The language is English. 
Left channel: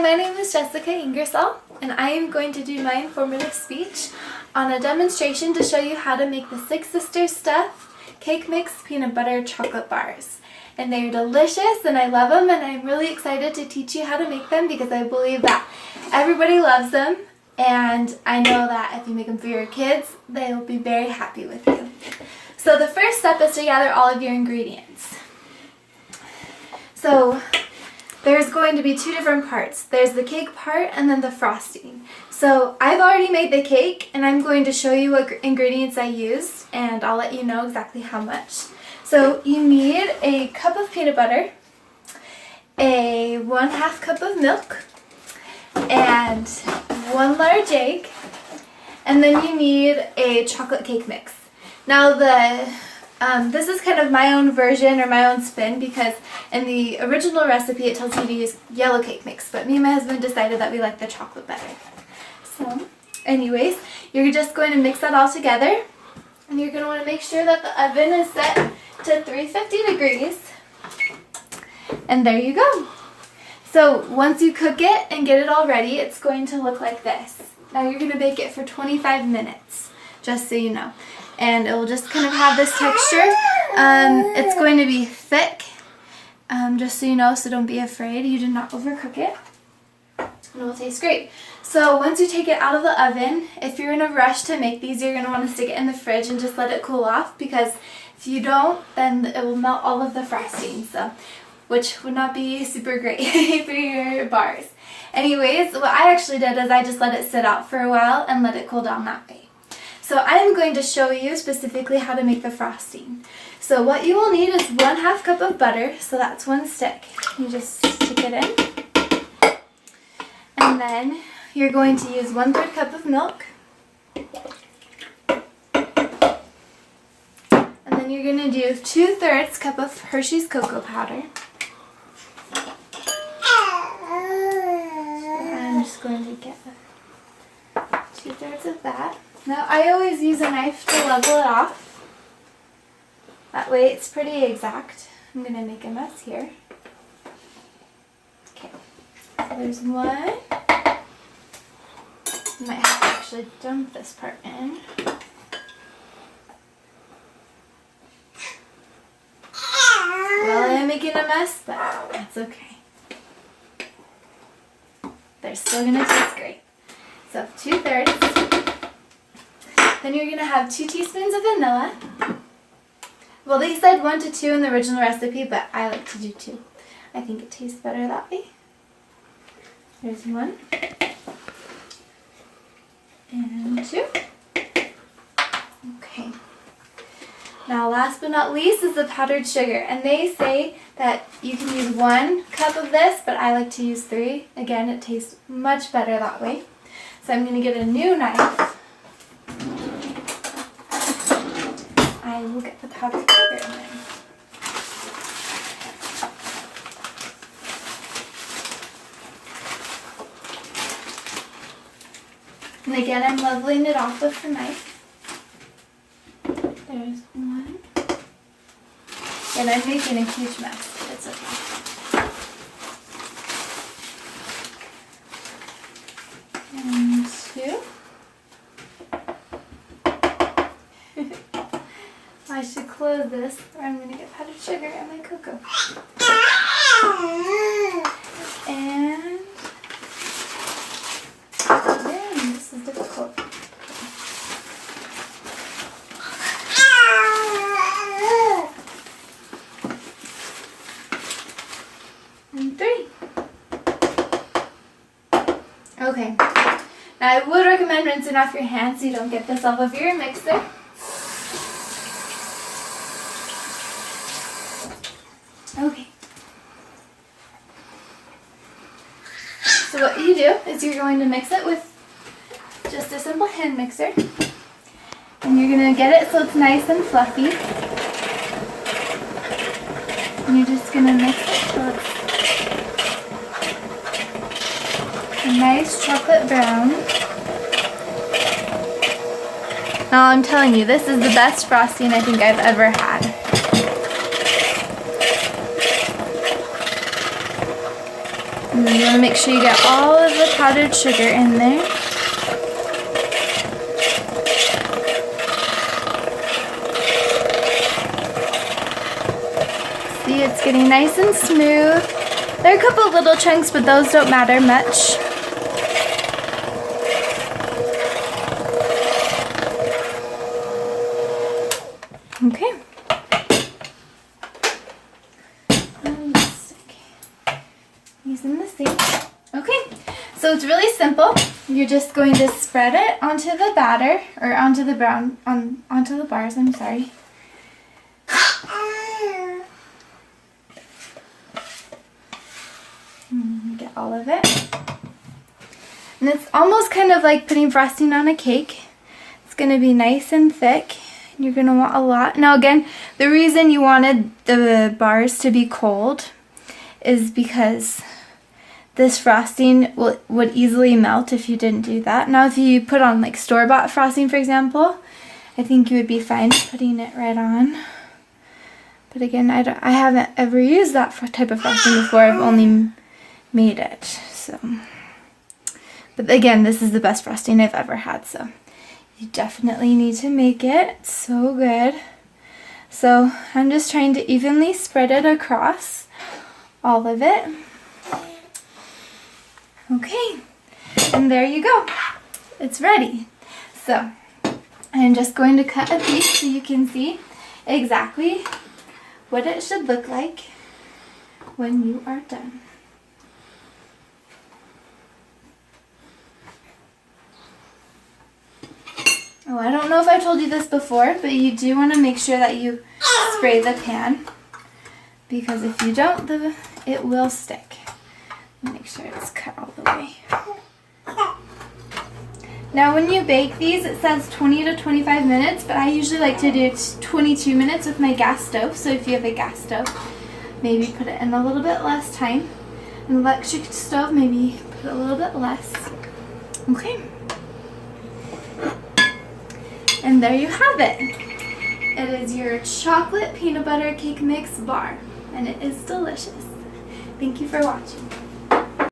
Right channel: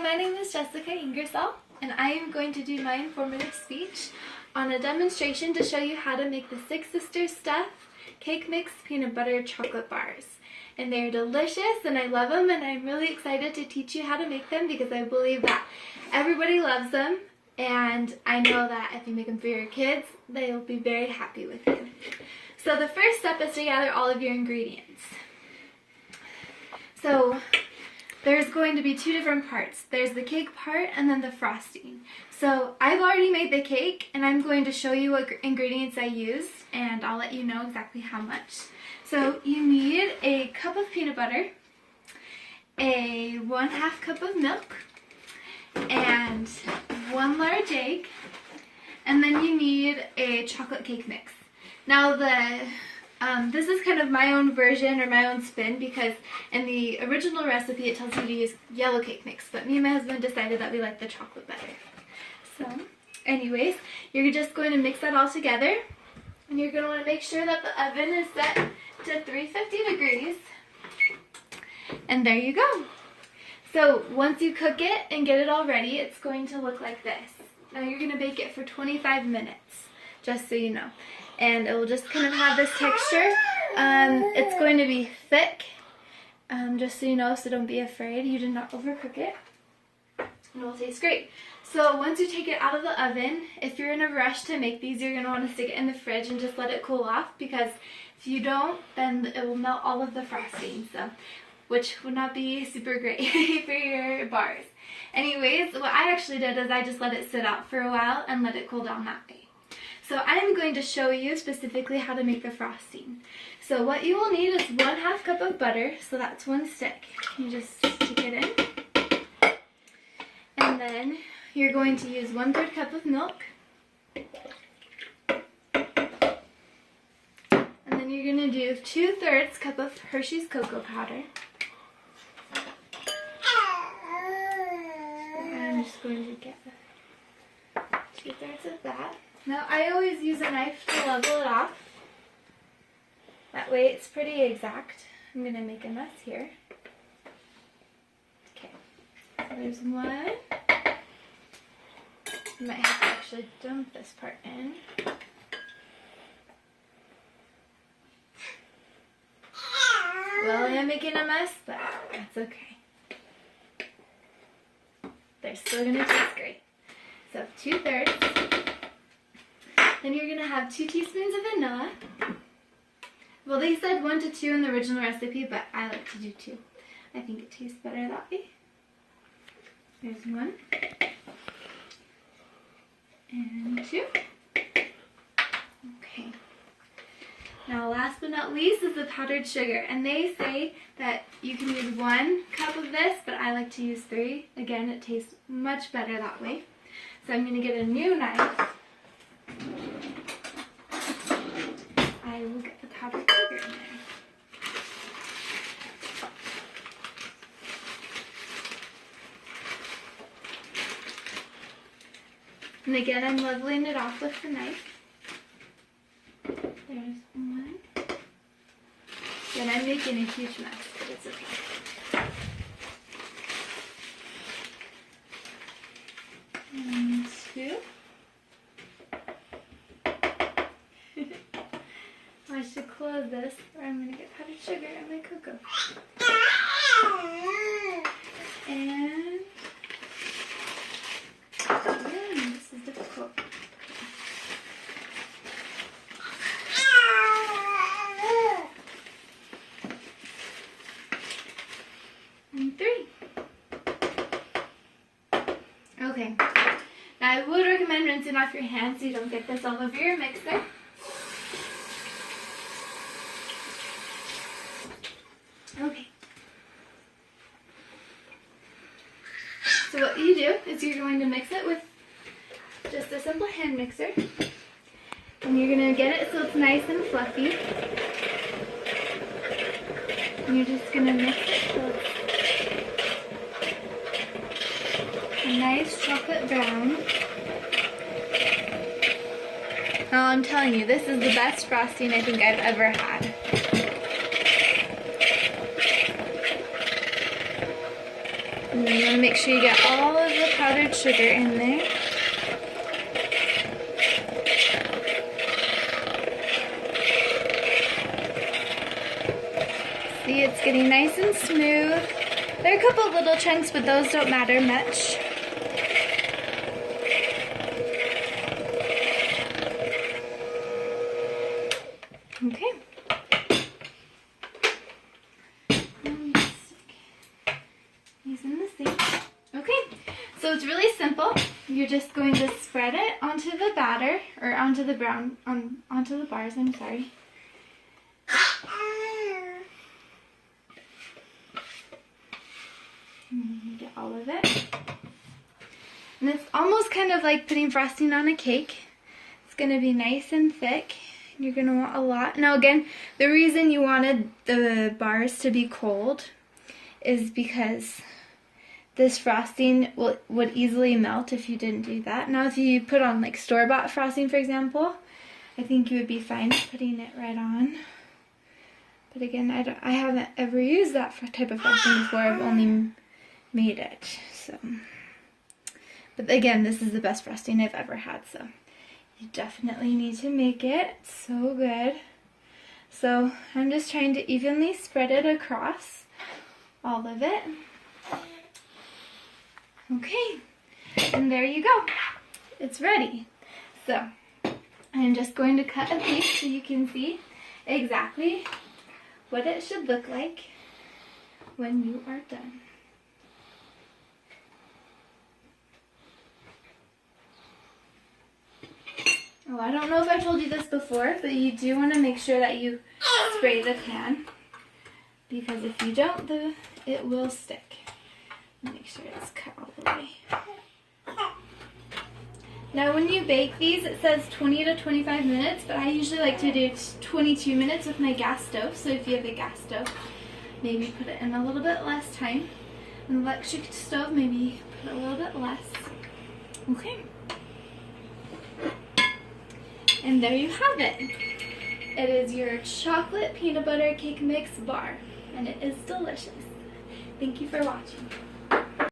My name is Jessica Ingersoll, and I am going to do my informative speech on a demonstration to show you how to make the Six Sisters Stuff Cake Mix Peanut Butter Chocolate Bars. And they're delicious, and I love them, and I'm really excited to teach you how to make them because I believe that everybody loves them, and I know that if you make them for your kids, they will be very happy with you. So the first step is to gather all of your ingredients. So there's going to be two different parts. There's the cake part and then the frosting. So I've already made the cake, and I'm going to show you what ingredients I used, and I'll let you know exactly how much. So you need a cup of peanut butter, a 1/2 cup of milk, and 1 large egg, and then you need a chocolate cake mix. Now this is kind of my own version or my own spin, because in the original recipe it tells you to use yellow cake mix, but me and my husband decided that we like the chocolate better. So anyways, you're just going to mix that all together, and you're going to want to make sure that the oven is set to 350 degrees, and there you go. So once you cook it and get it all ready, it's going to look like this. Now you're going to bake it for 25 minutes, just so you know. And it will just kind of have this texture. It's going to be thick, just so you know, so don't be afraid. You do not overcook it. And it will taste great. So once you take it out of the oven, if you're in a rush to make these, you're going to want to stick it in the fridge and just let it cool off, because if you don't, then it will melt all of the frosting, so, which would not be super great for your bars. Anyways, what I actually did is I just let it sit out for a while and let it cool down that way. So I'm going to show you specifically how to make the frosting. So what you will need is 1/2 cup of butter, so that's 1 stick. You just stick it in. And then you're going to use 1/3 cup of milk. And then you're going to do 2/3 cup of Hershey's cocoa powder. I'm just going to get 2/3 of that. Now I always use a knife to level it off. That way it's pretty exact. I'm going to make a mess here. Okay, so there's one. You might have to actually dump this part in. Well, I am making a mess, but that's okay. They're still going to taste great. So 2/3. Then you're going to have 2 teaspoons of vanilla. Well, they said 1 to 2 in the original recipe, but I like to do 2. I think it tastes better that way. There's 1. And 2. Okay. Now last but not least is the powdered sugar. And they say that you can use 1 cup of this, but I like to use 3. Again, it tastes much better that way. So I'm going to get a new knife. I will get the powdered sugar in there. And again, I'm leveling it off with the knife. There's 1. And I'm making a huge mess, but it's okay. And 2. I should close this, or I'm going to get powdered sugar in my cocoa. And again, this is difficult. And 3. Okay. Now I would recommend rinsing off your hands so you don't get this all over your mixer. Okay. So what you do is you're going to mix it with just a simple hand mixer. And you're going to get it so it's nice and fluffy. And you're just going to mix it so it's a nice chocolate brown. Now I'm telling you, this is the best frosting I think I've ever had. And then you want to make sure you get all of the powdered sugar in there. See, it's getting nice and smooth. There are a couple little chunks, but those don't matter much. Okay. These in the sink. Okay, so it's really simple. You're just going to spread it onto the batter, or onto the onto the bars, I'm sorry. Get all of it. And it's almost kind of like putting frosting on a cake. It's going to be nice and thick. And you're going to want a lot. Now again, the reason you wanted the bars to be cold is because this frosting would easily melt if you didn't do that. Now if you put on like store-bought frosting, for example, I think you would be fine putting it right on. But again, I haven't ever used that type of frosting before. I've only made it. So, but again, this is the best frosting I've ever had, so you definitely need to make it. It's so good. So I'm just trying to evenly spread it across all of it. Okay, and there you go. It's ready. So I'm just going to cut a piece so you can see exactly what it should look like when you are done. Oh, I don't know if I told you this before, but you do want to make sure that you spray the pan, because if you don't, it will stick. Make sure it's cut all the way. Now when you bake these, it says 20 to 25 minutes, but I usually like to do 22 minutes with my gas stove. So if you have a gas stove, maybe put it in a little bit less time. An electric stove, maybe put a little bit less. Okay. And there you have it. It is your chocolate peanut butter cake mix bar, and it is delicious. Thank you for watching.